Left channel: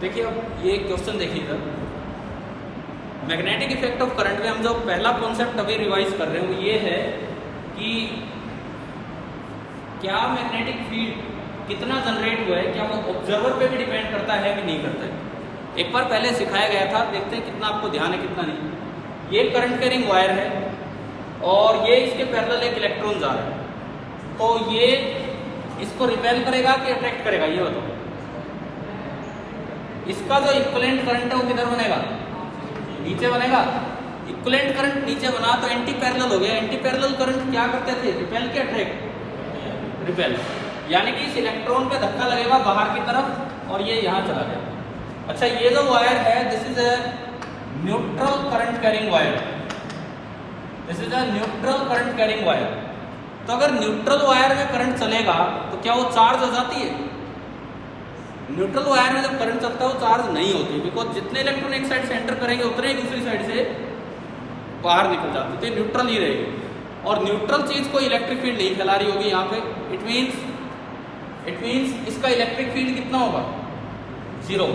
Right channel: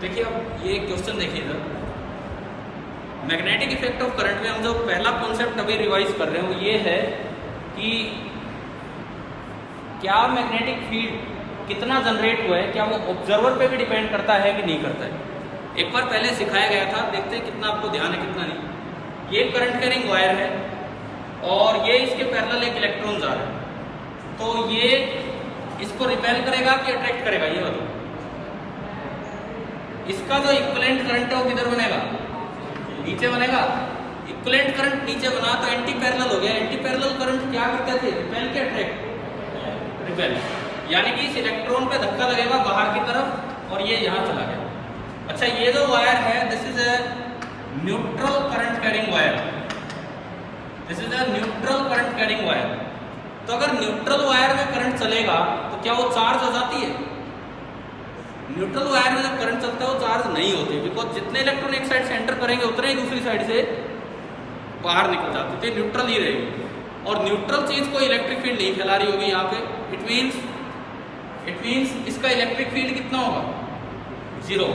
देखिए अब ये क्वेश्चन देखिएगा, मैग्नेटिक इफेक्ट ऑफ करंट में हम जो पहला कॉन्सेप्ट अभी रिवाइज कर रहे हो ये है कि क्या मैग्नेटिक फील्ड कितना जनरेट हुआ है, क्या वो ऑब्जर्वर पे भी डिपेंड करता है कि नहीं करता है। एक बार पहले सिखाया गया था, देखते हैं कितना आपको ध्यान है कितना नहीं। ये करंट कैरिंग वायर है और ये इसके पैरेलल एक इलेक्ट्रॉन जा रहा है, तो ये इसको रिपेल करेगा कि अट्रैक्ट करेगा ये बताओ। इसका जो इक्विवेलेंट करंट है वो किधर बनेगा, नीचे बनेगा। इक्विवेलेंट करंट नीचे बना तो एंटी पैरेलल हो गया। एंटी पैरेलल करंट क्या करते थे, रिपेल के अट्रैक्ट, रिपेल, यानी कि इस इलेक्ट्रॉन पे धक्का लगेगा बाहर की तरफ और ये यहाँ चला गया। अच्छा ये जो वायर है this is a neutral current carrying wire, this is a neutral current carrying wire. तो अगर न्यूट्रल वायर में करंट चलेगा तो क्या वो चार्ज हो जाती है? न्यूट्रल वायर में जब करंट चलता है वो चार्ज नहीं होती, बिकॉज जितने इलेक्ट्रॉन एक साइड से एंटर करेंगे उतने ही दूसरी साइड से बाहर निकल जाते थे, न्यूट्रल ही रहेगी। और न्यूट्रल चीज को इलेक्ट्रिक फील्ड नहीं चला रही होगी यहाँ पे। इट मीन्स इसका इलेक्ट्रिक फील्ड कितना होगा, जीरो।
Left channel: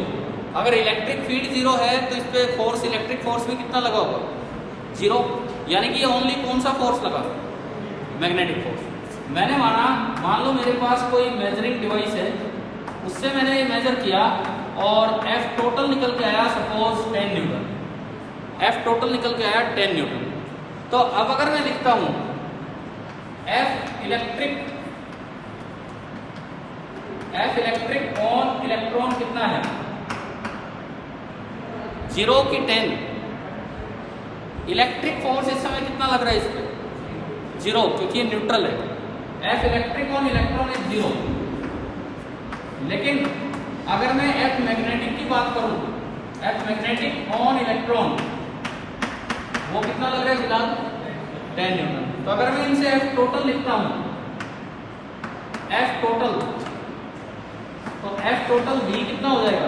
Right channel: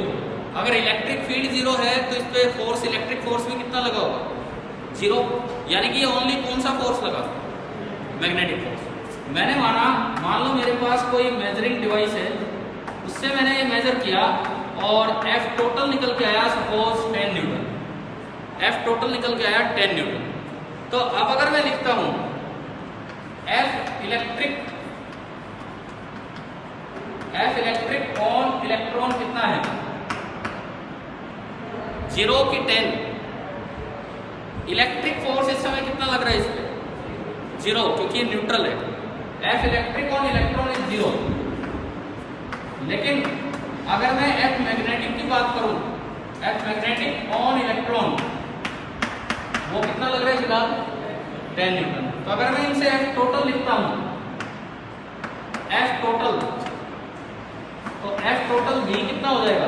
अगर इलेक्ट्रिक फील्ड जीरो है तो इस पे फोर्स, इलेक्ट्रिक फोर्स भी कितना लगा होगा, जीरो। यानी कि ये ओनली कौन सा फोर्स लगा, मैग्नेटिक फोर्स। मैंने मान लो मेरे पास कोई मेजरिंग डिवाइस है, उससे मैंने ये मेजर किया और F टोटल निकल के आया सपोज 10 न्यूटन। F टोटल निकल के आया 10 न्यूटन। तो अब अगर मैं लिखता हूं F इलेक्ट्रिक ऑन इलेक्ट्रॉन कितना है, 0 की 10। इलेक्ट्रिक फोर्स इस समय कितना लग रहा है इस पे, 0, क्योंकि न्यूट्रल है। F electric on electron is 0। लेकिन अगर मैं F मैग्नेटिक की बात करूं, F मैग्नेटिक ऑन इलेक्ट्रॉन वो कितना लग रहा है फिलहाल, 10 न्यूटन। तो अगर मैं इनसे F टोटल लिखता हूं, F टोटल, तो F टोटल भी कितना हो जाएगा,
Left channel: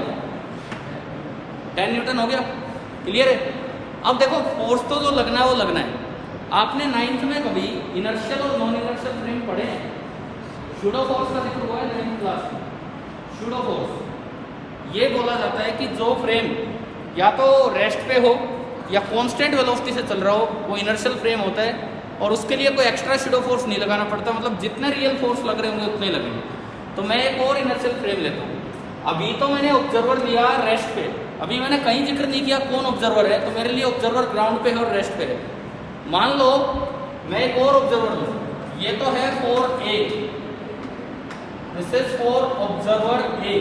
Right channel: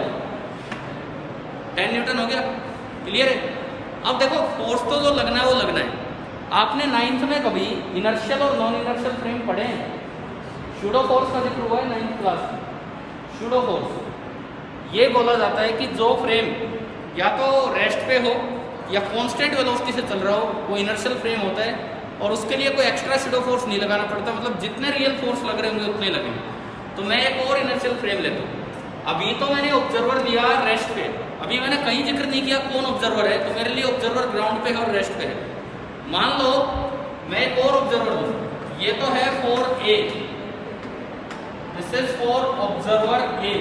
10 न्यूटन हो गया। क्लियर है? अब देखो फोर्स तो जो लगना है वो लगना है। आपने 9th में कभी इनर्शियल और नॉन इनर्शियल फ्रेम पढ़े हैं? सूडो फोर्स का जिक्र हुआ है 9th क्लास में। सूडो फोर्स ये बोला जाता है कि जो फ्रेम या तो रेस्ट पे हो या कांस्टेंट वेलोसिटी से चल रहा हो वो इनर्शियल फ्रेम होता है, और उसके लिए कोई एक्स्ट्रा सूडो फोर्स नहीं लगाना पड़ता, मतलब जितने रियल फोर्स लग रहे होंगे उतने लगेंगे। तो मैं एक और इनर्शियल फ्रेम लेता हूँ। अभी तो मैंने ऑब्जर्वर दिया रेस्ट पे, अभी मैंने कहीं जिक्र नहीं किया कौन ऑब्जर्वर है, तो मेरे लिए ऑब्जर्वर ग्राउंड पे है और रेस्ट पे है। मान लो मैं एक और ऑब्जर्वर लूँ, ये तो है for a, this is for observer A,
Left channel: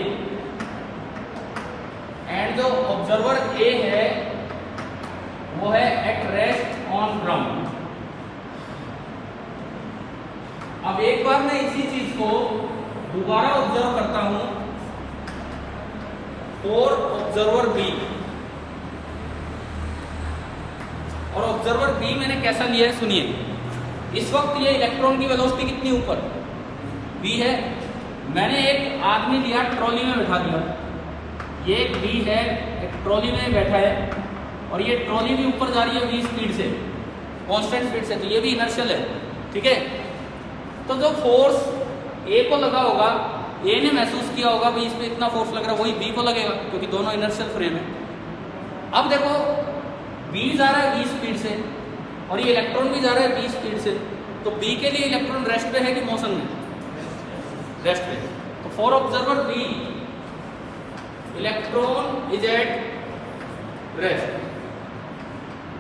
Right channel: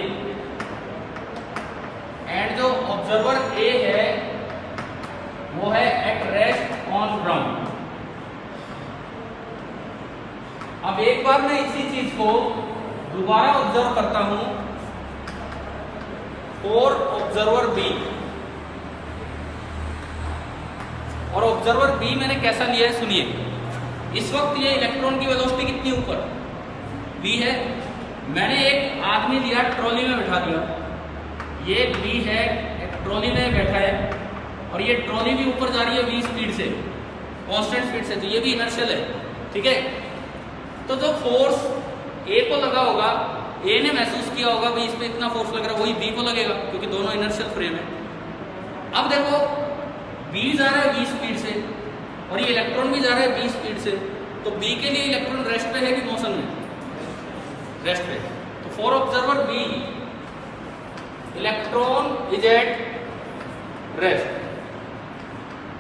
and जो ऑब्जर्वर ए है वो है एट रेस्ट ऑन ग्राउंड। अब एक बार मैं इसी चीज को दोबारा ऑब्जर्व करता हूं फॉर ऑब्जर्वर बी, और ऑब्जर्वर बी मैंने कैसा लिया है सुनिए। इस वक्त ये इलेक्ट्रॉन की वेलोसिटी कितनी ऊपर, बी है। मैंने एक आदमी लिया, ट्रॉली में बैठा दिया, ये बी है, एक ट्रॉली में बैठा है और ये ट्रॉली भी ऊपर जा रही है v स्पीड से, कांस्टेंट स्पीड से, तो ये भी इनर्शियल है। ठीक है, तो जो फोर्स ए को लगा होगा, ए ने महसूस किया होगा भाई इस पे इतना फोर्स लग रहा है, वही बी को लगेगा क्योंकि दोनों इनर्शियल फ्रेम है। अब देखो बी जा रहा है v स्पीड से और ये इलेक्ट्रॉन भी जा रहा है v स्पीड से, तो बी के लिए इलेक्ट्रॉन रेस्ट पे है कि मोशन में, रेस्ट पे। तो for observer B electron is at rest.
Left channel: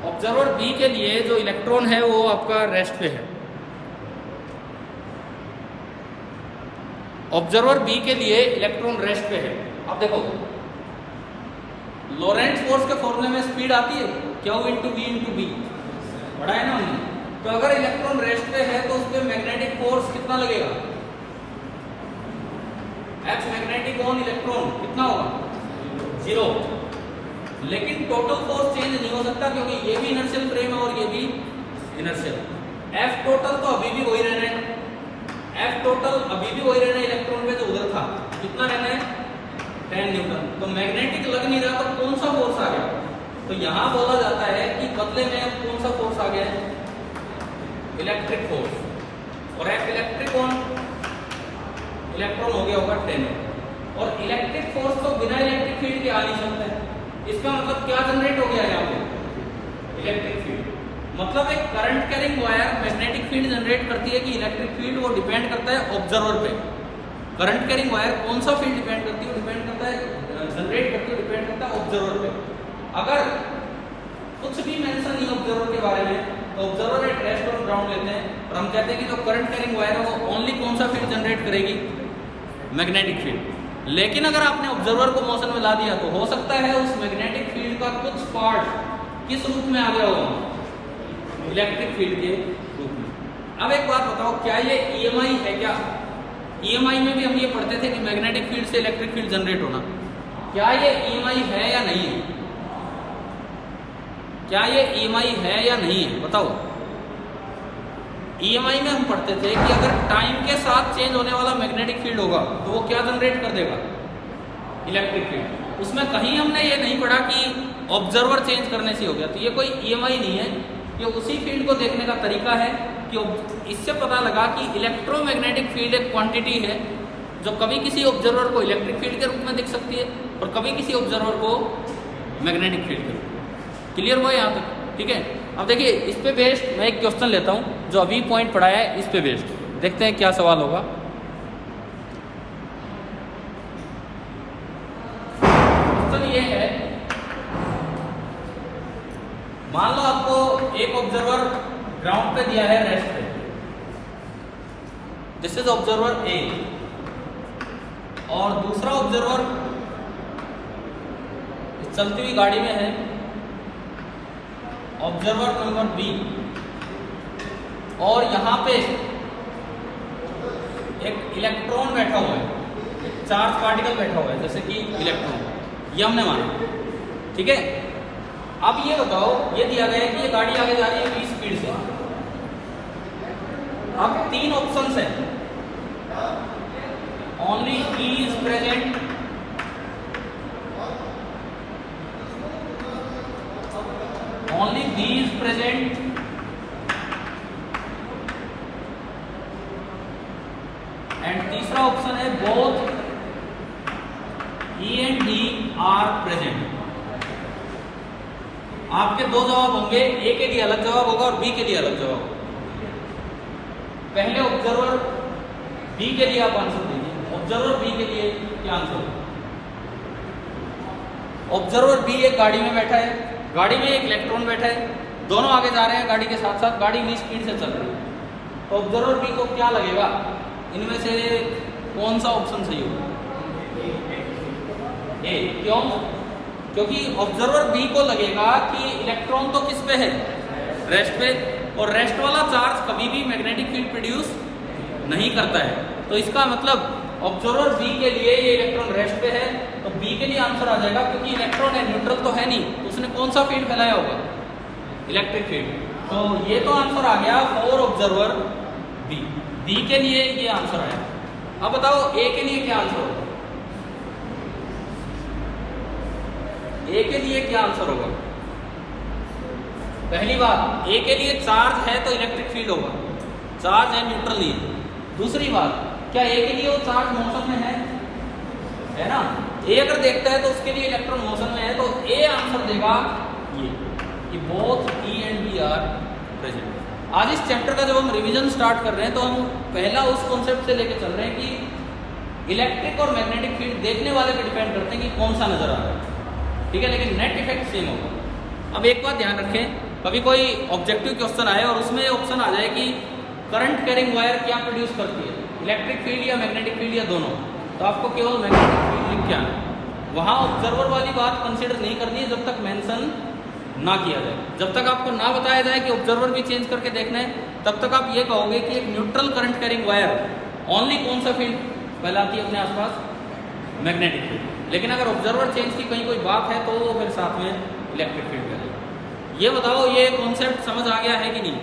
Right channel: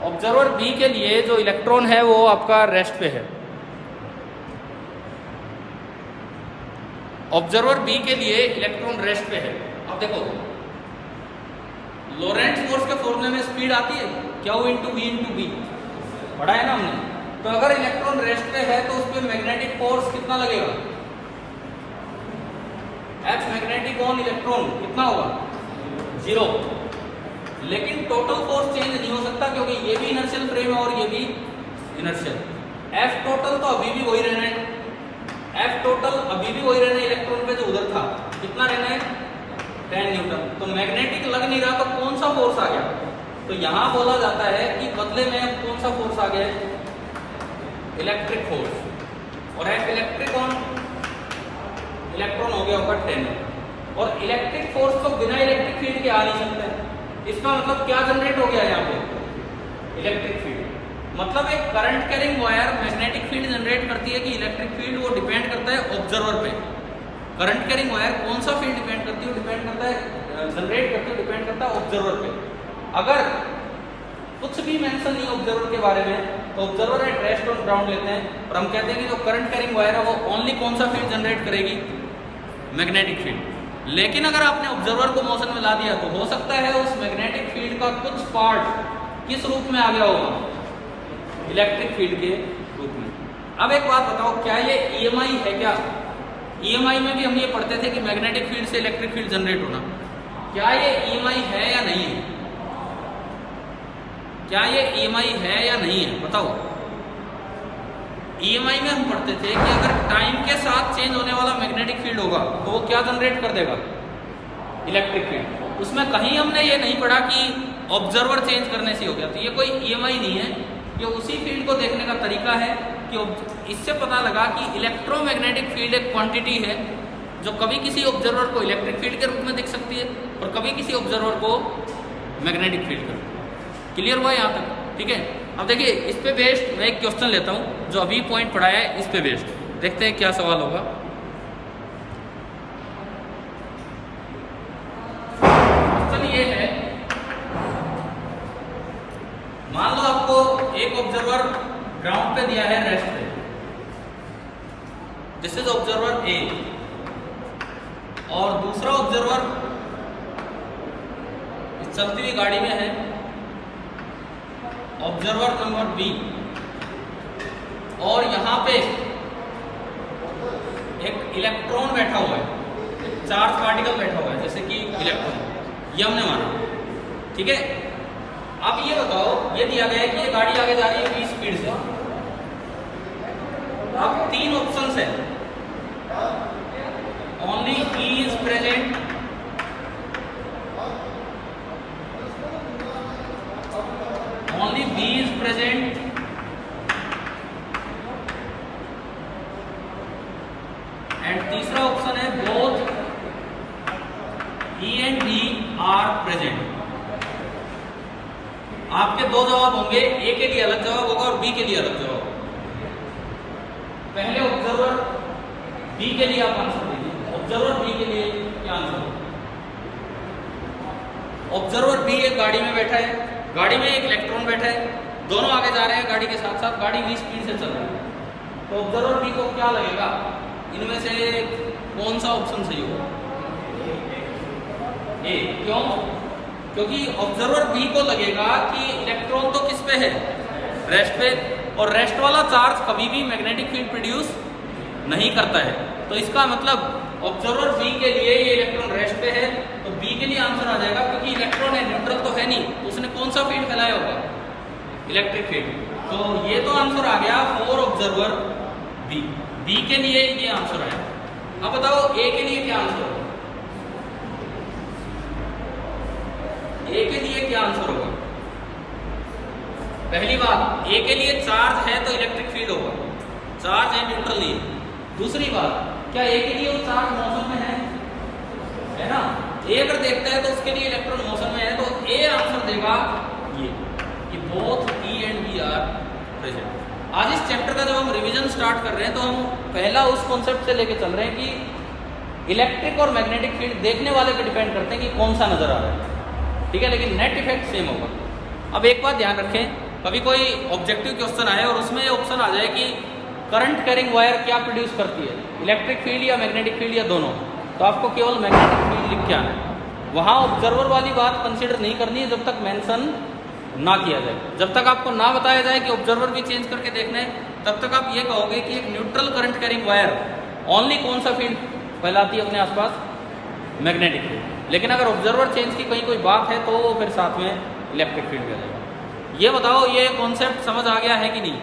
Observer B के लिए जो इलेक्ट्रॉन है वो आपका रेस्ट पे है। ऑब्जर्वर बी के लिए इलेक्ट्रॉन रेस्ट पे है। अब देखो लोरेंट्ज फोर्स के फॉर्मूले में स्पीड आती है क्या, वो इंटू वी इंटू बी पढ़ा है ना हमने। तो अगर इलेक्ट्रॉन रेस्ट पे है तो उस पर मैग्नेटिक फोर्स कितना लगेगा, H मैग्नेटिक ऑन इलेक्ट्रॉन कितना होगा, 0। लेकिन टोटल फोर्स चेंज नहीं हो सकता क्योंकि ये भी इनर्शियल फ्रेम है और ये भी इनर्शियल। F टोटल तो अभी भी वही रहना है, F टोटल अभी भी वही रहना है, इलेक्ट्रॉन पे जो उधर था कितना रहना है, 10 न्यूटन। तो मैग्नेटिक लग नहीं रहा तो कौन सा फोर्स आ गया, तो यहां बोला जाता है कि बदले में अब कौन सा फोर्स आ गया है, इलेक्ट्रिक फोर्स। और F इलेक्ट्रिक ऑन इलेक्ट्रॉन हो गया होगा 10। और इलेक्ट्रिक फोर्स तो बिना इलेक्ट्रिक फील्ड के आ नहीं सकता है। इसका मतलब क्या जनरेट हो गया यहाँ पे? Electric field. मतलब एक current carrying wire magnetic field generate करती है कि इलेक्ट्रिक फील्ड, वो डिपेंड करता है ऑब्जर्वर पे। करंट कैरिंग वायर कौन सा फील्ड डिपेंड करती है? डिपेंड करता है, जनरेट करती है, डिपेंड करता है ऑब्जर्वर पे। अगर कुछ भी मेंशन नहीं ऑब्जर्वर के बारे में, तो ऑब्जर्वर एक रेस्ट और ग्राउंड लेते हैं और हम कहते हैं कि जो करंट कैरिंग वायर है वो ओनली कौन सा फील्ड जनरेट करेगी? Magnetic field. लेकिन अगर आपने ऑब्जर्वर को मोशन में ला दिया तो हो सकता है उस मैग्नेटिक फील्ड का कुछ पार्ट किस रूप में आ गया होगा? इलेक्ट्रिक फील्ड के रूप में। अब एक बात बताओ, क्या ये ईएमआई है क्या? ईएमआई में भी हम ये पढ़ते थे कि मैग्नेटिक फील्ड से इलेक्ट्रिक फील्ड जनरेट होना। क्या ये ईएमआई है या नहीं है? क्या ये ईएमआई है या नहीं है? बताओ। ईएमआई में हम पढ़ते थे कि अगर टाइम के साथ चेंज होने वाला मैग्नेटिक फील्ड होगा तो वो क्या जनरेट कर देगा? Electric field. उसमें कहीं हमने ये नहीं पढ़ा कि ऑब्जर्वर चेंज करने से हो गया। तो ये कोई ईएमआई नहीं है, ये उसी फील्ड को देखने का तरीका है कि इससे पता लगा कि इलेक्ट्रोमैग्नेटिक फील्ड एक क्वांटिटी है जो कभी किसी ऑब्जर्वर को इलेक्ट्रिक फील्ड के रूप में दिख सकती है और कभी किसी ऑब्जर्वर को मैग्नेटिक फील्ड के रूप में। क्लियर हुआ यहाँ तक? ठीक है। अब देखिए, इस पे बेस्ड मैं एक क्वेश्चन लेता हूँ जो अभी पॉइंट पढ़ाया है, इस पे बेस्ड देखते हैं क्या सवाल होगा। क्वेश्चन ये है, मान लो आपको एक ऑब्जर्वर ग्राउंड पे दिया है, रेस्ट पे। दिस इज ऑब्जर्वर ए और दूसरा ऑब्जर्वर चलती हुई गाड़ी में है, ऑब्जर्वर नंबर बी। और यहां पे एक इलेक्ट्रॉन बैठा हुआ है, एक चार्ज पार्टिकल बैठा हुआ है, जैसे कि इलेक्ट्रॉन, ये हमने माना। ठीक है। अब ये बताओ, ये दिया गया है कि ये गाड़ी आगे जा रही है v स्पीड से। अब तीन ऑप्शंस है, only E is present, only B is present, and तीसरा ऑप्शन है both E and B are present। आपके दो जवाब होंगे, ए के लिए अलग जवाब होगा और बी के लिए अलग जवाब होगा। पहले ऑब्जर्वर बी के लिए आप आंसर दीजिए। ऑब्जर्वर बी के लिए क्या आंसर होगा? ऑब्जर्वर बी एक गाड़ी में बैठा है, गाड़ी में एक इलेक्ट्रॉन बैठा है, दोनों आगे जा रहे हैं गाड़ी के साथ साथ, गाड़ी v स्पीड से चल रही है। तो ऑब्जर्वर बी को क्या लगेगा? इनमें से कौन सा ऑप्शन सही होगा? ए। क्यों? क्योंकि ऑब्जर्वर बी को लगेगा कि इलेक्ट्रॉन तो किस पे है? रेस्ट पे, और रेस्ट वाला चार्ज कभी भी मैग्नेटिक फील्ड प्रोड्यूस नहीं करता है। तो इसका मतलब ऑब्जर्वर बी के लिए ये इलेक्ट्रॉन रेस्ट पे है, तो बी के लिए आंसर आ जाएगा, क्योंकि इलेक्ट्रॉन है, न्यूट्रल तो है नहीं, उसने कौन सा फील्ड फैलाया होगा? Electric field. तो ये तो आंसर आ गया फॉर ऑब्जर्वर बी। बी के लिए ये आंसर आया। अब बताओ ए के लिए क्या आंसर होगा? ए के लिए क्या आंसर होगा? पहली बात, ए के लिए चार्ज है तो इलेक्ट्रिक फील्ड होगा, चार्ज है, न्यूट्रल नहीं। दूसरी बात, क्या ए के लिए वो चार्ज मोशन में है ना? ए अगर देखता है तो उसके लिए इलेक्ट्रॉन मोशन में है, तो ए आंसर देगा ये कि both E and B are present. आज इस चैप्टर का जब हम रिवीजन स्टार्ट कर रहे हैं तो हम पहला उस कॉन्सेप्ट से लेके चल रहे हैं कि इलेक्ट्रिक और मैग्नेटिक फील्ड देखने वाले पे डिपेंड करते हैं कि कौन सा नजर आ रहा है। ठीक है, लेकिन नेट इफेक्ट सेम होगा। अब एक बात ध्यान रखें, कभी कोई ऑब्जेक्टिव क्वेश्चन आए और उसमें ऑप्शन आ जाए कि करंट कैरिंग वायर क्या प्रोड्यूस करती है, इलेक्ट्रिक फील्ड या मैग्नेटिक फील्ड या दोनों, तो आपको केवल मैग्नेटिक फील्ड लिख के आना है। वहाँ ऑब्जर्वर वाली बात कंसिडर नहीं करनी है जब तक मेंशन ना किया जाए। जब तक आपको ना बताया जाए कि ऑब्जर्वर भी चेंज करके देखना है, तब तक आप ये कहोगे कि एक neutral current carrying wire only कौन सा फील्ड फैलाती है अपने आसपास? Magnetic field. लेकिन अगर ऑब्जर्वर चेंज की कहीं कोई बात है तो फिर साथ में इलेक्ट्रिक फील्ड फैलाएगी। ये बताओ, ये कॉन्सेप्ट समझ आ गया है कि नहीं?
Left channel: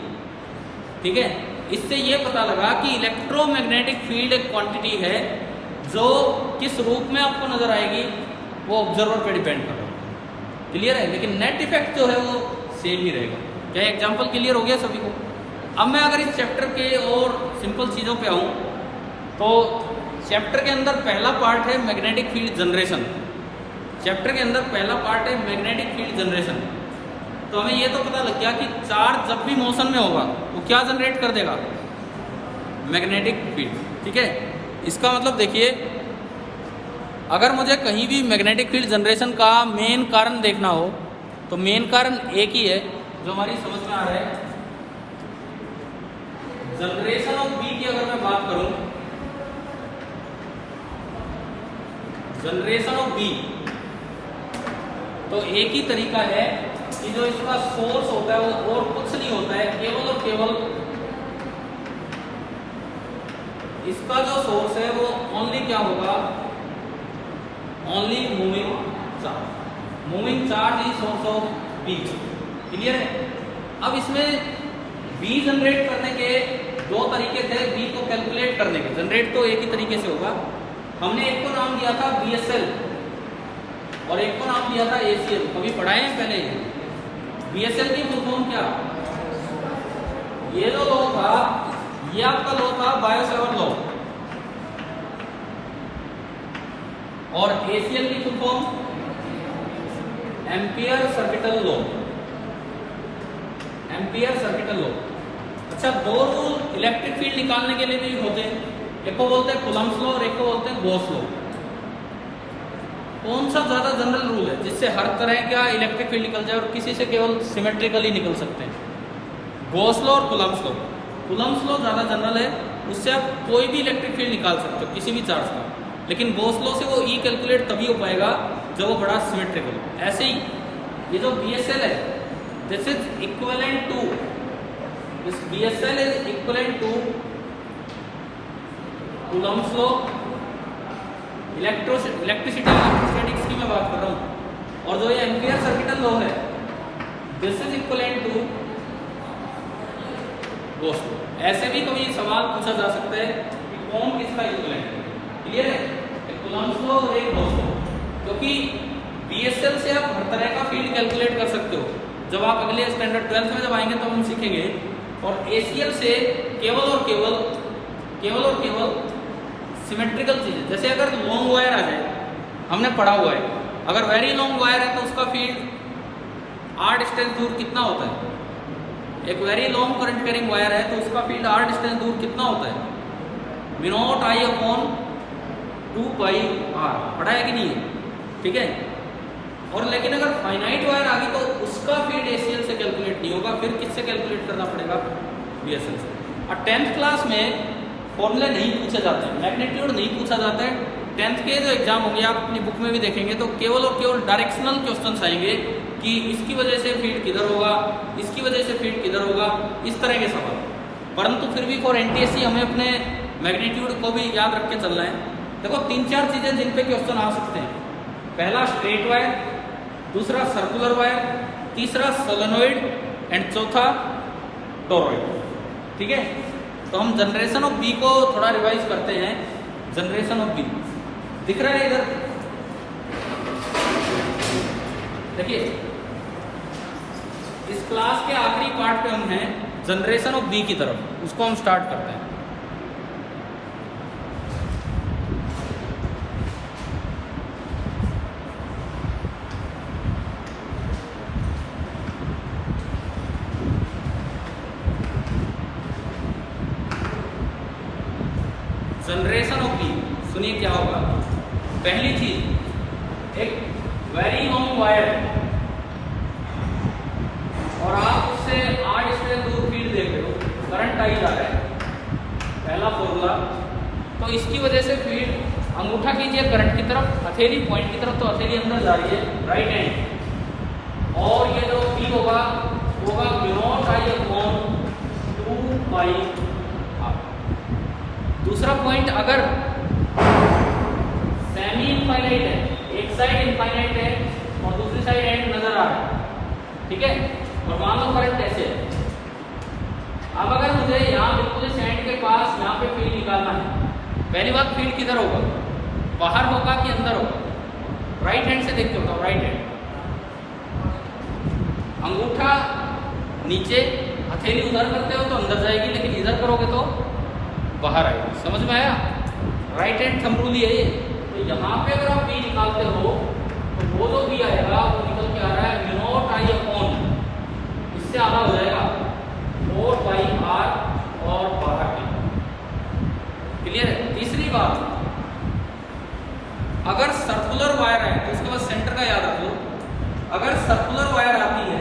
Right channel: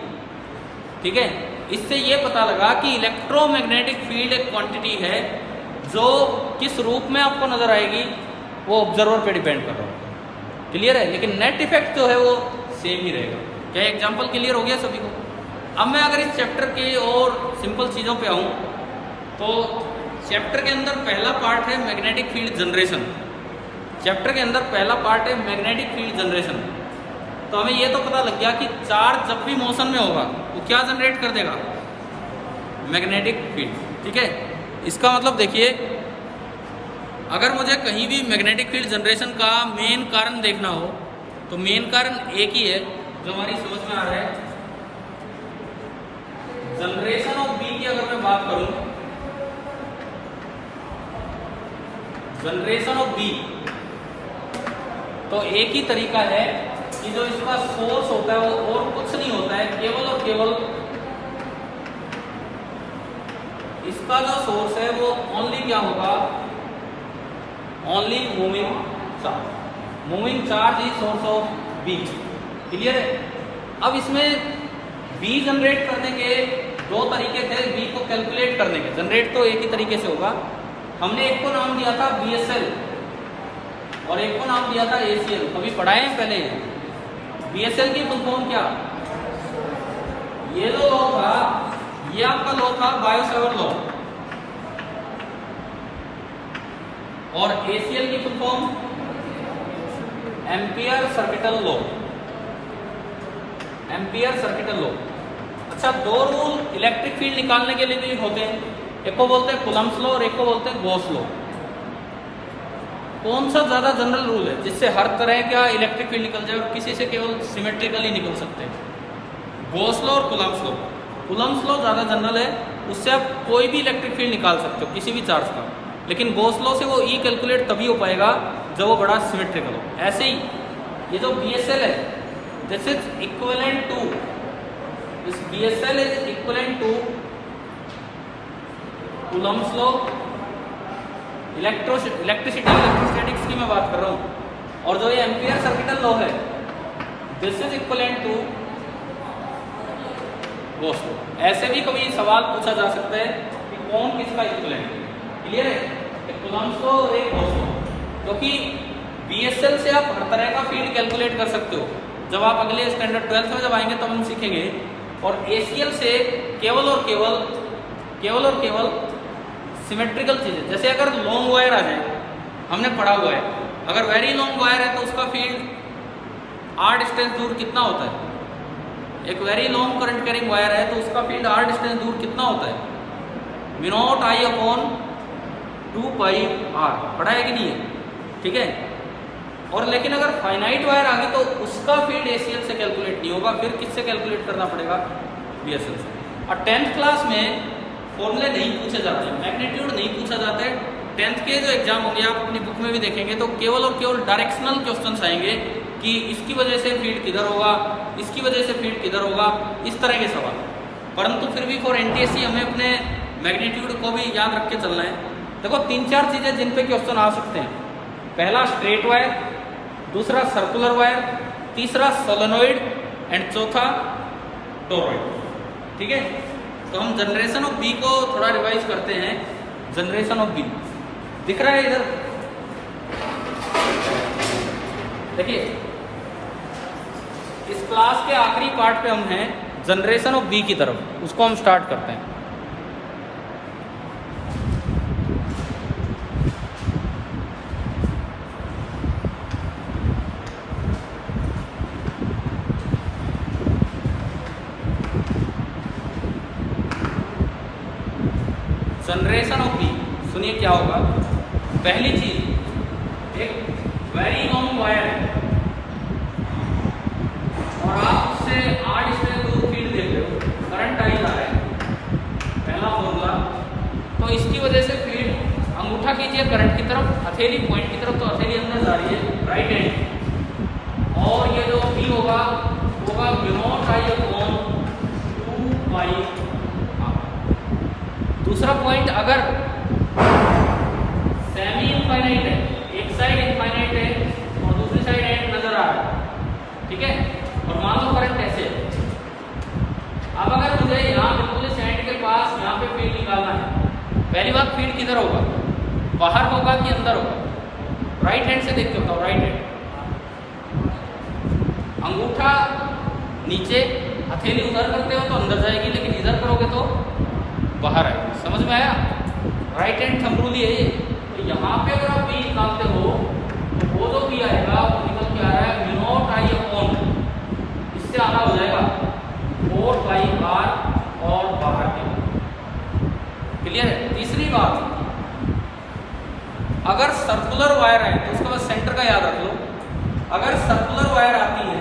ठीक है, इससे ये पता लगा कि इलेक्ट्रोमैग्नेटिक फील्ड एक क्वांटिटी है जो किस रूप में आपको नजर आएगी वो ऑब्जर्वर पे डिपेंड कर रहा है। क्लियर है? लेकिन नेट इफेक्ट जो है वो सेम ही रहेगा। क्या एग्जांपल क्लियर हो गया सभी को? अब मैं अगर इस चैप्टर के और सिंपल चीज़ों पे आऊँ तो चैप्टर के अंदर पहला पार्ट है मैग्नेटिक फील्ड जनरेशन। चैप्टर के अंदर पहला पार्ट है मैग्नेटिक फील्ड जनरेशन। तो हमें ये तो पता लग गया कि चार्ज जब भी मोशन में होगा वो क्या जनरेट कर देगा, मैग्नेटिक फील्ड। ठीक है, इसका मतलब देखिए, अगर मुझे कहीं भी मैग्नेटिक फील्ड जनरेशन का मेन कारण देखना हो तो मेन कारण एक ही है जो हमारी समझ में आ रहा है। जनरेशन ऑफ बी की अगर मैं बात करूं, जनरेशन ऑफ बी, तो एक ही तरीका है कि जो इसका सोर्स होता है वो और कुछ नहीं होता है, केवल और केवल इसका जो सोर्स है वो ओनली क्या होगा, only moving charge. Moving charge is source of B. Clear है? अब इसमें बी जनरेट करने के दो तरीके थे बी को कैलकुलेट करने के। जनरेट तो एक ही तरीके से होगा। हमने एक को नाम दिया था बीएसएल और एक को नाम दिया था एसीएल। अभी पढ़ाए हैं पहले। बीएसएल की फुल फॉर्म क्या, ये जो लॉ था ये आपका लॉ था बायो-सेवर्ट लॉ, और एसीएल की full form ampere circuital law. Ampere circuital law. अच्छा, दो रूल इलेक्ट्रिक फील्ड निकालने के लिए भी होते हैं, एक को बोलते हैं कूलम्ब्स लॉ और एक को बोलते हैं गॉस लॉ। कौन सा ज्यादा जनरल रूल है जिससे हर तरह का इलेक्ट्रिक फील्ड निकल जाए और किसी से केवल सिमेट्रिकली निकल सकते हैं? गॉस लॉ और कूलम्ब्स लॉ। कूलम्ब्स लॉ ज्यादा जनरल है, उससे आप कोई भी इलेक्ट्रिक फील्ड निकाल सकते हो किसी भी चार्ज का, लेकिन गॉस लॉ से वो ई कैलकुलेट तभी हो पाएगा जब वो बड़ा सिमेट्रिकल हो। ऐसे ही ये जो बीएसएल है, this is equivalent to, this BSL is equivalent to Coulomb's law. Electricity electrostatics की मैं बात कर रहा हूँ। और जो ये एम्पियर सर्किटल लॉ है, this is equivalent to Gauss law. ऐसे भी कभी सवाल पूछा जा सकता है कि कौन किसका इक्विवेलेंट है। क्लियर है? एक कूलम्ब्स लॉ और एक गॉस लॉ। क्योंकि बीएसएल से आप हर तरह का फील्ड कैलकुलेट कर सकते हो। जब आप अगले स्टैंडर्ड 12th में जब आएंगे तब हम सीखेंगे। और एसीएल से केवल और केवल सिमेट्रिकल चीजें, जैसे अगर लॉन्ग वायर आ जाए, हमने पढ़ा हुआ है, अगर वेरी लॉन्ग वायर है तो उसका फील्ड आर डिस्टेंस दूर कितना होता है? एक very long current carrying wire है तो उसका फील्ड आर डिस्टेंस दूर कितना होता है? μ0I/2πr। पढ़ा है कि नहीं है? ठीक है। और लेकिन अगर फाइनाइट वायर आ गई तो उसका फील्ड एसीएल से कैलकुलेट नहीं होगा, फिर किससे कैलकुलेट करना पड़ेगा? बीएसएल से। और 10th क्लास में फॉर्मूले नहीं पूछे जाते हैं, मैग्नीट्यूड नहीं पूछा जाता है। 10th के जो एग्जाम होंगे आप अपनी बुक में भी देखेंगे तो केवल और केवल डायरेक्शनल क्वेश्चंस आएंगे कि इसकी वजह से फील्ड किधर होगा, इसकी वजह से फील्ड किधर होगा, इस तरह के सवाल। परंतु फिर भी फॉर एनटीएससी हमें अपने मैग्नीट्यूड को भी याद रख के चलना है। देखो 3-4 चीजें जिन पे क्वेश्चन आ सकते हैं। पहला स्ट्रेट वायर, दूसरा सर्कुलर वायर, तीसरा सोलेनोइड एंड चौथा टोरॉइड। ठीक है, तो हम जनरेशन ऑफ बी को थोड़ा रिवाइज करते हैं। जनरेशन ऑफ बी दिख रहा है इधर, देखिए इस क्लास के आखिरी पार्ट पे हम हैं, जनरेशन ऑफ बी की तरफ, उसको हम स्टार्ट करते हैं। जनरेशन ऑफ बी, सुनिए क्या होगा। पहली चीज, एक वेरी लॉन्ग वायर और आप उससे आर डिस्टेंस दूर फील्ड देख रहे हो, करंट आई जा रहा है, पहला फॉर्मूला। तो इसकी वजह से फील्ड, अंगूठा कीजिए करंट की तरफ, हथेली पॉइंट की तरफ, तो हथेली अंदर जा रही है राइट हैंड। और ये जो बी होगा μ0I/2πr। दूसरा पॉइंट, अगर सेमी इनफाइनाइट है, एक साइड इनफाइनाइट है और दूसरी साइड एंड नजर आ रहा है, ठीक है, और मान लो करंट ऐसे है। अब अगर मुझे यहाँ बिल्कुल इस एंड के पास यहाँ पे फील्ड निकालना है, पहली बात फील्ड किधर होगा, बाहर होगा कि अंदर होगा? राइट हैंड से देख के उठाओ, राइट हैंड, अंगूठा नीचे, हथेली उधर करते हो तो अंदर जाएगी, लेकिन इधर करोगे तो बाहर आएगी। समझ में आया? राइट हैंड थंब रूल ही है ये। तो यहाँ पे अगर आप बी निकालते हो तो वो जो बी आएगा वो निकल के आ रहा है म्यू नॉट आई अपॉन, इससे आना हो जाएगा 4 पाई आर और बाहर के। क्लियर है? तीसरी बात, अगर सर्कुलर वायर है तो इसका बस सेंटर का याद रख लो। अगर सर्कुलर वायर आती है,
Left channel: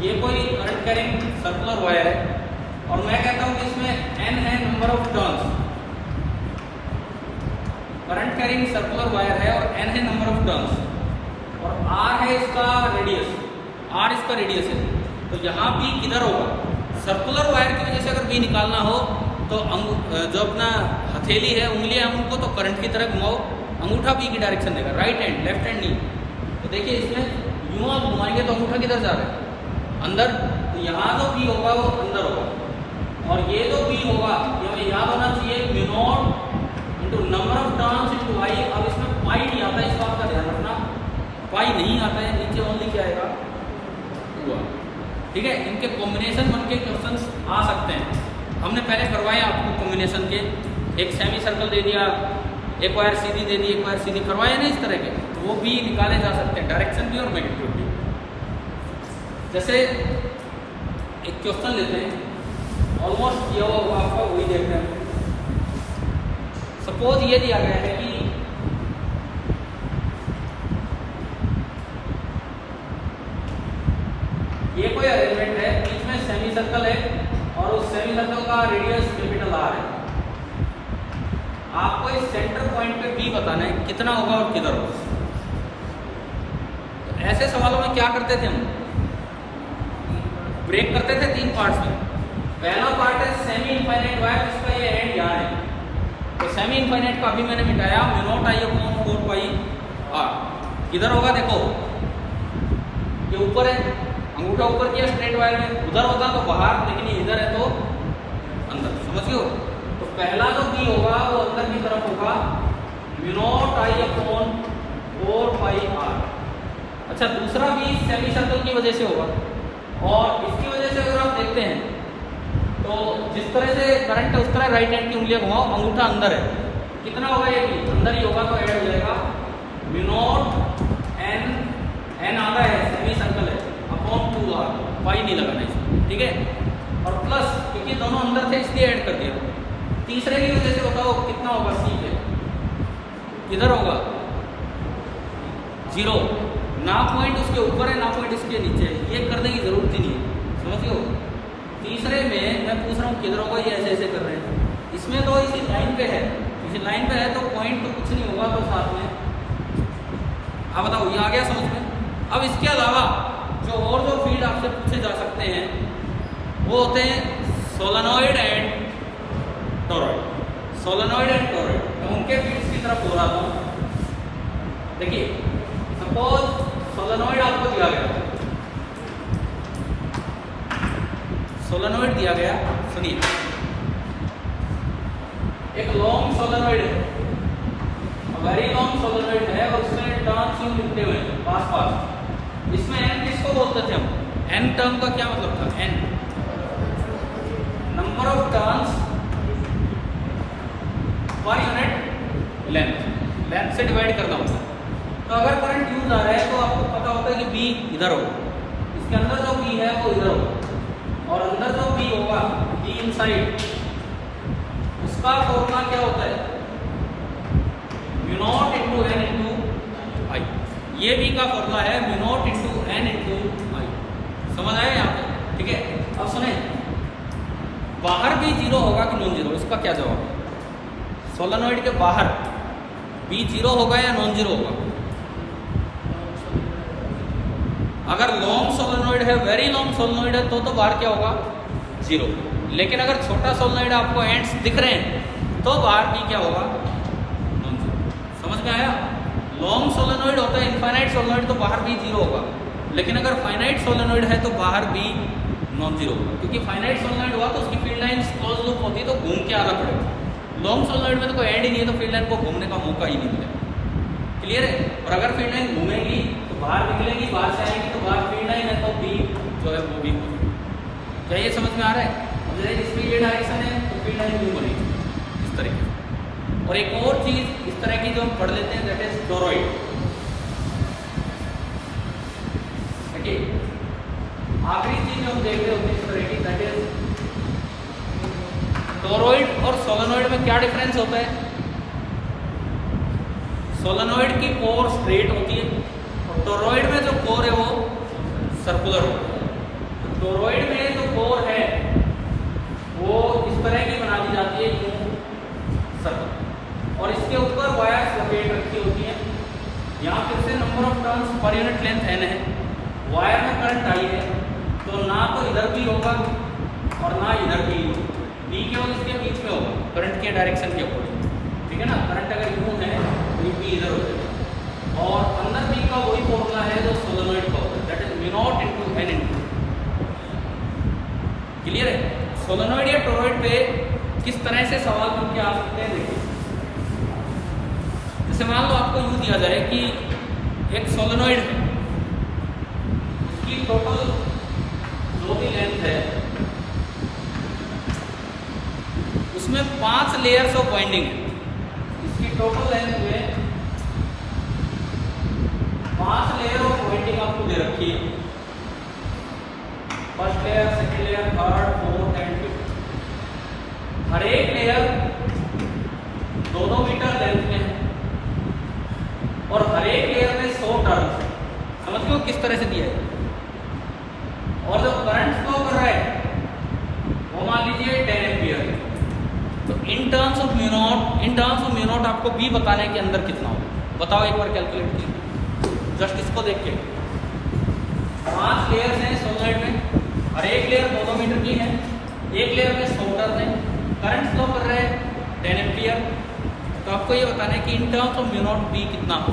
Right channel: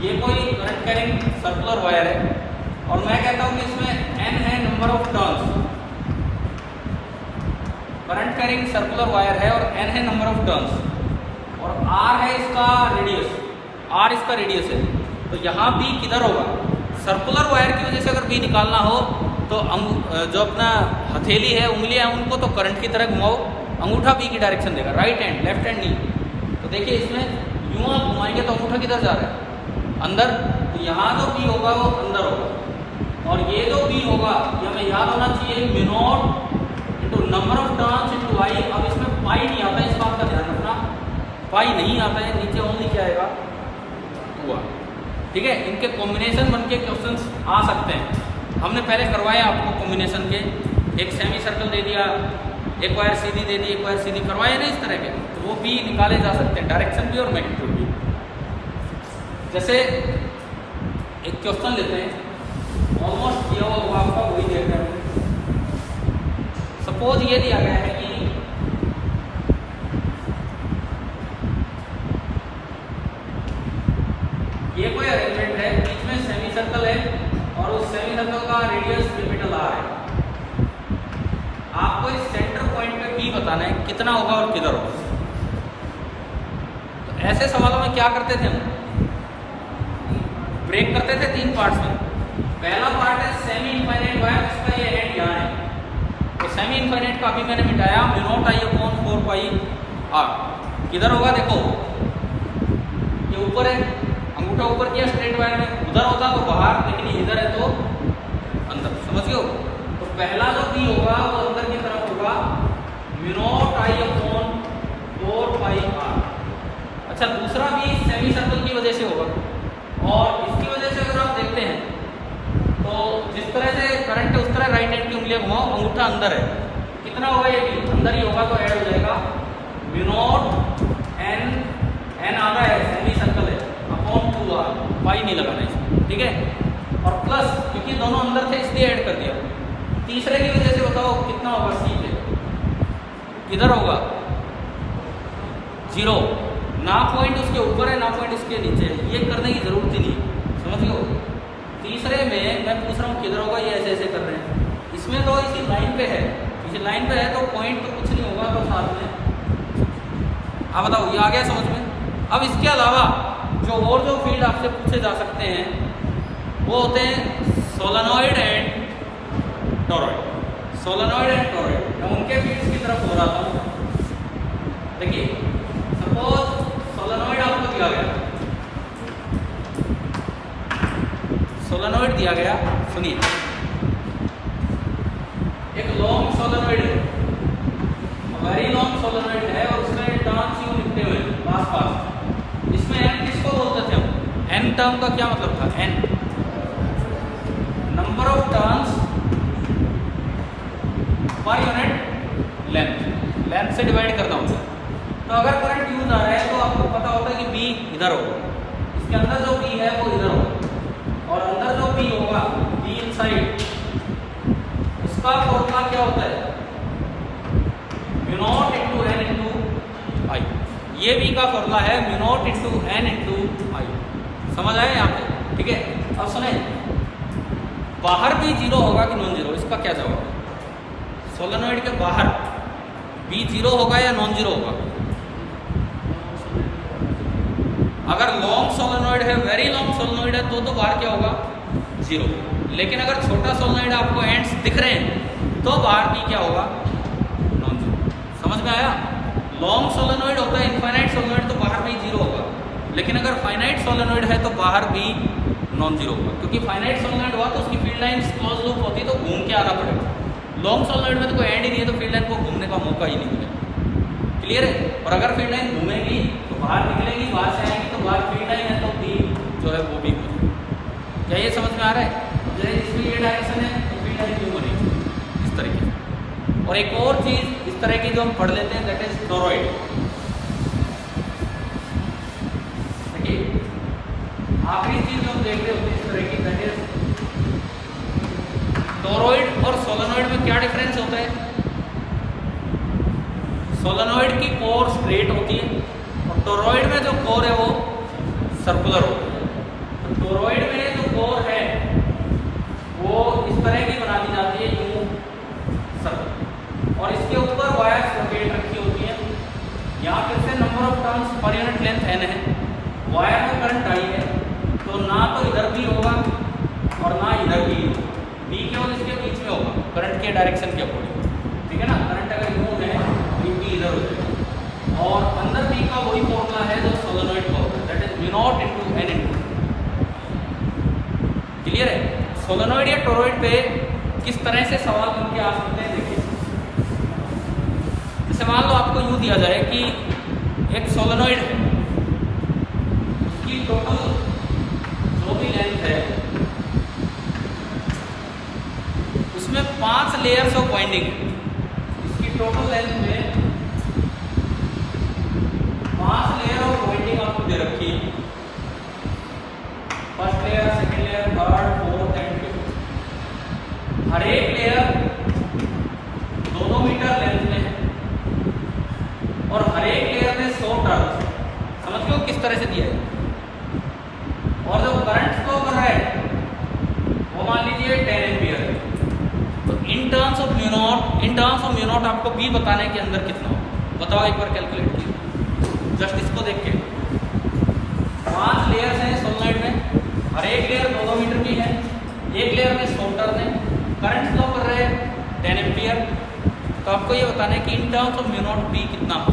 ये कोई करंट कैरिंग सर्कुलर वायर है और मैं कहता हूं कि इसमें n है number of turns, current carrying circular wire है और n है नंबर ऑफ टर्न्स और r है इसका रेडियस, r इसका रेडियस है। तो यहाँ b किधर होगा? सर्कुलर वायर की वजह से अगर b निकालना हो तो जो अपना हथेली है, उंगली है, उनको तो करंट की तरह घुमाओ, अंगूठा b की डायरेक्शन देगा, राइट हैंड, लेफ्ट हैंड नहीं। तो देखिए इसमें यूं आप घुमाएंगे तो अंगूठा किधर जा रहा है? अंदर। तो यहाँ जो b होगा वो अंदर होगा और ये जो b होगा ये हमें याद होना चाहिए mu nought into number of turns into y। अब इसमें पाई नहीं आता, इस बात का ध्यान रखना, पाई नहीं आता है, नीचे ओनली क्या आएगा? 2r। ठीक है, इनके कॉम्बिनेशन बन के क्वेश्चंस आ सकते हैं। हमने पहले करवाया आपको कॉम्बिनेशन के, एक सेमी सर्कल दे दिया, एक वायर सीधी दे दी, एक वायर सीधी करवाए ना इस तरह के, तो वो भी निकाले जा सकते हैं, डायरेक्शन भी और मैग्नीट्यूड भी। जैसे एक क्वेश्चन लेते हैं, ऑलमोस्ट किया हुआ होगा आपका, वही देख रहे हैं। सपोज ये दिया गया है कि ये कोई अरेंजमेंट है, बीच में सेमी सर्कल है और उस सेमी सर्कल का रेडियस कैपिटल आर है। आपको इस सेंटर पॉइंट पे बी बताना है कितना होगा और किधर होगा। तो ऐसे सवालों में क्या करते थे हम? ब्रेक करते थे 3 पार्ट्स में। पहला पार्ट है सेमी इनफाइनाइट वायर, जिसका ये एंड यहाँ है। तो सेमी इनफाइनाइट का अभी मैंने मिटाया, mu nought I upon 4 pi r. किधर होगा? देखो ये ऊपर है, अंगूठा ऊपर किया स्ट्रेट वायर में, उधर होता तो बाहर, लेकिन ये इधर है तो अंदर। समझियो? तो पहला जो बी होगा वो अंदर की तरफ होगा, mu nought I upon 4 pi r. अच्छा, दूसरा बी सेमी सर्कल की वजह से होगा और इसकी वजह से अगर आप देखते हैं तो जिस तरह से करंट है उस तरह राइट हैंड की उंगलियां घुमाओ, अंगूठा अंदर है, कितना होगा? ये भी अंदर ही होगा, तो ऐड हो जाएगा म्यू नॉट एन आधा है, सेमी सर्कल है, अपॉन 2r, पाई नहीं लगाना इसमें। ठीक है, और प्लस क्योंकि दोनों अंदर थे इसलिए ऐड कर दिया। तीसरे की वजह से बताओ कितना होगा? सी पे किधर होगा? 0। ना पॉइंट उसके ऊपर है ना पॉइंट उसके नीचे, ये करने की जरूरत ही नहीं है। समझ लो? तीसरे में मैं पूछ रहा हूँ किधर होगा, ये ऐसे ऐसे कर रहे हैं। इसमें तो इसी लाइन पे है, इसी लाइन पे है तो पॉइंट तो कुछ नहीं होगा, तो साथ में। अब बताओ ये आ गया समझ में? अब इसके अलावा जो और जो फील्ड आपसे पूछे जा सकते हैं वो होते हैं solenoid and torrid. Solenoid and torrid, मैं उनके फील्ड्स की तरफ हो रहा था। देखिए सपोज सोलेनॉइड आपको दिया गया, सोलेनॉइड दिया गया, सुनिए, एक लॉन्ग सोलेनॉइड है, वेरी लॉन्ग सोलेनॉइड है और उसमें टर्न्स यूं लिखते हुए पास पास। इसमें n किसको बोलते थे हम? n टर्म का क्या मतलब था? n number of turns per unit length, length से डिवाइड करना होता है। तो अगर करंट यूज आ रहा है तो आपको पता होता है कि b इधर होगा, इसके अंदर जो b है वो इधर होगा और अंदर जो b होगा, b इनसाइड, उसका फॉर्मूला क्या होता है? Mu naught into n into i. ये भी का फॉर्मूला है mu naught into n into i. समझ आया यहाँ पे? ठीक है, अब सुने, बाहर भी 0 होगा कि नॉन जीरो? इसका क्या जवाब? सोलेनॉइड के बाहर भी 0 होगा या नॉन जीरो होगा? अगर लॉन्ग सोलेनॉइड है, वेरी लॉन्ग सोलेनॉइड है तो बाहर क्या होगा? 0। लेकिन अगर छोटा सोलेनॉइड आपको एंड्स दिख रहे हैं तो बाहर भी क्या होगा? Non zero. समझ में आया? लॉन्ग सोलेनॉइड होता है इनफाइनाइट सोलेनॉइड, तो बाहर भी 0 होगा, लेकिन अगर फाइनाइट सोलेनॉइड है तो बाहर भी नॉन जीरो होगा, क्योंकि फाइनाइट सोलेनॉइड हुआ तो उसकी फील्ड लाइन क्लोज लूप होती है तो घूम के आना पड़ेगा। लॉन्ग सोलेनॉइड में तो कोई एंड ही नहीं है, तो फील्ड लाइन को घूमने का मौका ही नहीं है। क्लियर है? और अगर फील्ड लाइन घूमेगी तो बाहर निकलेगी, बाहर से आएगी तो बाहर फील्ड लाइन है तो भी जो है वो भी। क्या ये समझ में आ रहा है? इसमें ये डायरेक्शन है तो फील्ड लाइन घूम बनेगी इस तरीके। और एक और चीज इस तरह की जो हम पढ़ लेते हैं दैट इज टोरॉइड। देखिए आखिरी चीज जो हम देख रहे होते हैं इस तरह की दैट इज टोरॉइड और सोलेनॉइड में क्या डिफरेंस होता है? सोलेनॉइड की कोर स्ट्रेट होती है और टोरॉइड में जो कोर है वो सर्कुलर होता है। तो टोरॉइड में जो कोर है वो इस तरह की बना दी जाती है यूं सर्कल, और इसके ऊपर वायर्स लपेट रखी होती है। यहाँ फिर से number of turns per unit length है न, वायर में करंट आई है तो ना तो इधर भी होगा और ना इधर भी होगा, बी केवल इसके बीच में होगा करंट के डायरेक्शन के अकॉर्डिंग, ठीक है ना। करंट अगर यूं है तो बी इधर हो जाएगी, और अंदर बी का वही फॉर्मूला है जो सोलेनॉइड का होता है that is mu nought into n into. Clear है? सोलेनॉइड या टोरॉइड पे किस तरह से सवाल बन के आ सकते हैं देखिए। जैसे मान लो आपको यूं दिया जाए कि एक सोलेनॉइड है, उसकी टोटल जो भी लेंथ है उसमें 5 लेयर्स ऑफ वाइंडिंग है। इसकी टोटल लेंथ में 5 लेयर ऑफ वाइंडिंग आपको दे रखी है, first layer, second layer, third, fourth and fifth. हर एक लेयर 2-2 मीटर लेंथ में है और हर एक लेयर में 100 टर्न है। समझ गए किस तरह से दिया है? और जो करंट फ्लो कर रहा है वो मान लीजिए 10 एम्पियर है। तो in terms of mu naught आपको बी बताने के अंदर कितना हो, बताओ एक बार कैलकुलेट कीजिए जस्ट इसको देख के। 5 लेयर्स हैं सोलेनॉइड में, हर एक लेयर 2-2 मीटर की है, एक लेयर में 100 टर्न है, करंट फ्लो कर रहे हैं 10 एम्पियर। तो आपको ये बताना है कि in terms of mu not be कितना हो।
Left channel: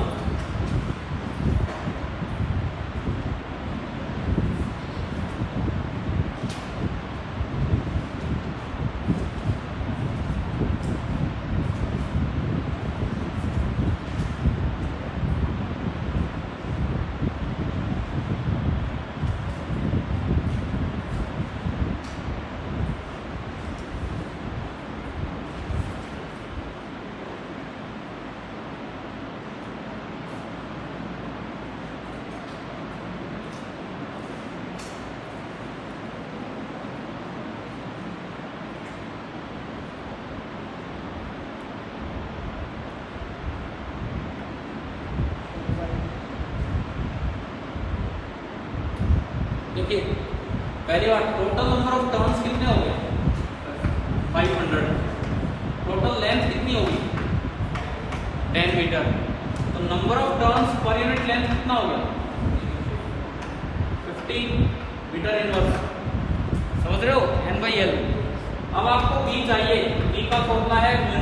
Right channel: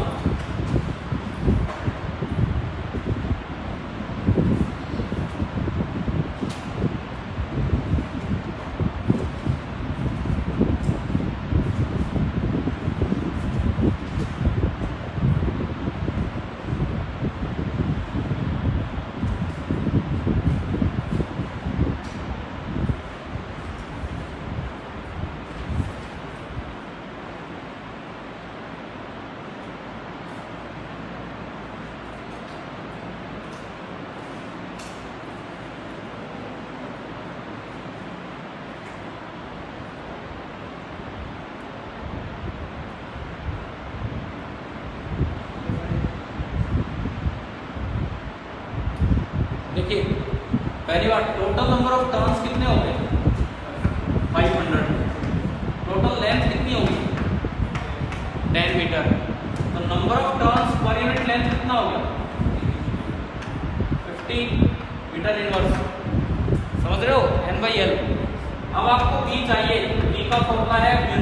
देखिए पहली बात, टोटल नंबर ऑफ टर्न्स कितने हो गए? 500। टोटल लेंथ कितनी होगी? 10 मीटर। तो number of turns per unit length कितना हो गया? 50 मीटर इनवर्स। समझ रहे हो? N/L। अब आपको B चाहिए, B का फॉर्मूला है म्यू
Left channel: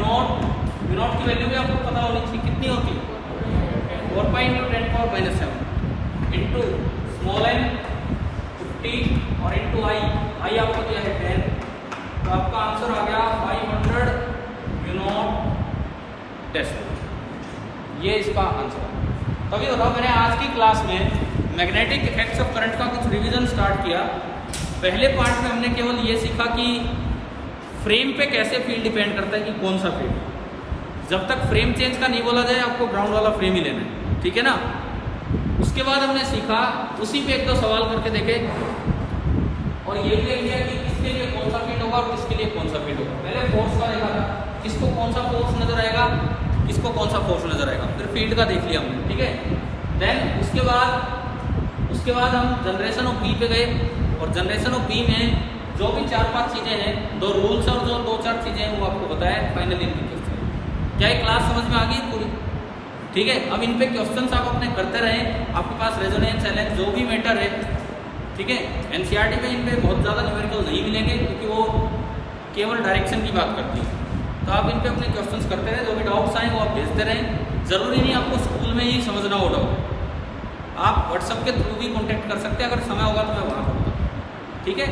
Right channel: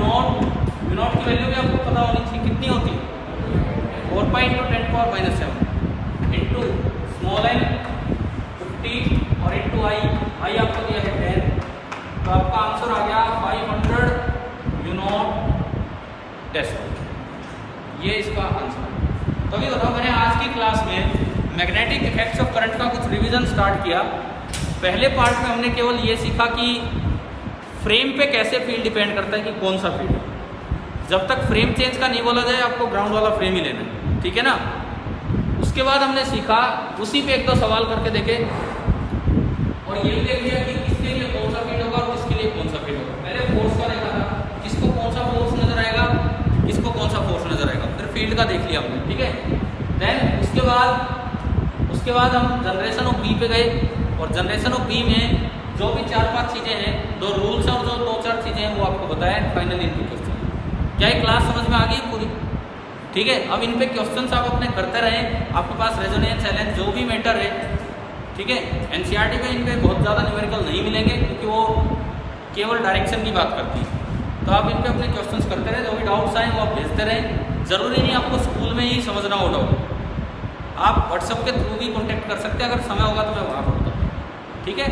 नॉट की वैल्यू भी आपको पता होनी चाहिए कितनी होती है? 4 pi into 10⁻⁷ into small n 50 और इंटू आई आपको दिया है 10। तो आपका आंसर आ गया 500 म्यू नॉट डेसिमल। ये इसका आंसर। तो ये बताओ, मैंने आज की क्लास में मैग्नेटिक इफेक्ट्स ऑफ करंट का कुछ रिवीजन स्टार्ट किया। पहले पार्ट में हमने केवल ये सीखा कि फ्रेम पे कैसे फील्ड डिपेंड करता है कि कौन सा फील्ड। जब तक फ्रेम चेंज का नहीं बोला जाए आपको ग्राउंड वाला फ्रेम ही लेना है, ठीक है ना। उसके बाद हमने सीखा, उसी पे एक दो सवाल करके देखे और ये भी देख लिया कि किसके लिए कौन सा फील्ड होगा और किसके लिए कौन सा फील्ड होगा। पहले फोर्स का देखा था, किसको कौन सा फोर्स नजर आएगा, किसको कौन सा फोर्स नजर आएगा। फिर फील्ड का देख लिया हमने, ठीक है। देन उसके बाद हम जनरेशन ऑफ बी पे गए और जनरेशन ऑफ बी में जो भी 4-5 चीजें हैं, 2 रूल्स और जो 2-4 चीजें हैं वो आपको बताया फाइनली। क्या ये क्लास समझ में आ गई पूरी? ठीक है। अब इन पे क्वेश्चंस आप अपने करते रहें, आपके पास रेजोनेंस चैलेंज जो भी मैटर है, ठीक है। एनसीईआरटी में इन पे बहुत ज़्यादा न्यूमेरिकल नहीं मिलेंगे क्योंकि वो केवल डायरेक्शन की बात करती है। तो आप इन पे अपने क्वेश्चंस करते रहें, जो भी डाउट्स आए वो आप भेजते रहें। ज़रूरी नहीं आपको स्कूल में ही समझना हो डाउट, आप व्हाट्सएप के थ्रू भी कॉन्टैक्ट कर सकते हैं। अगर समय होगा तो मैं वहाँ करूँगा, ठीक है।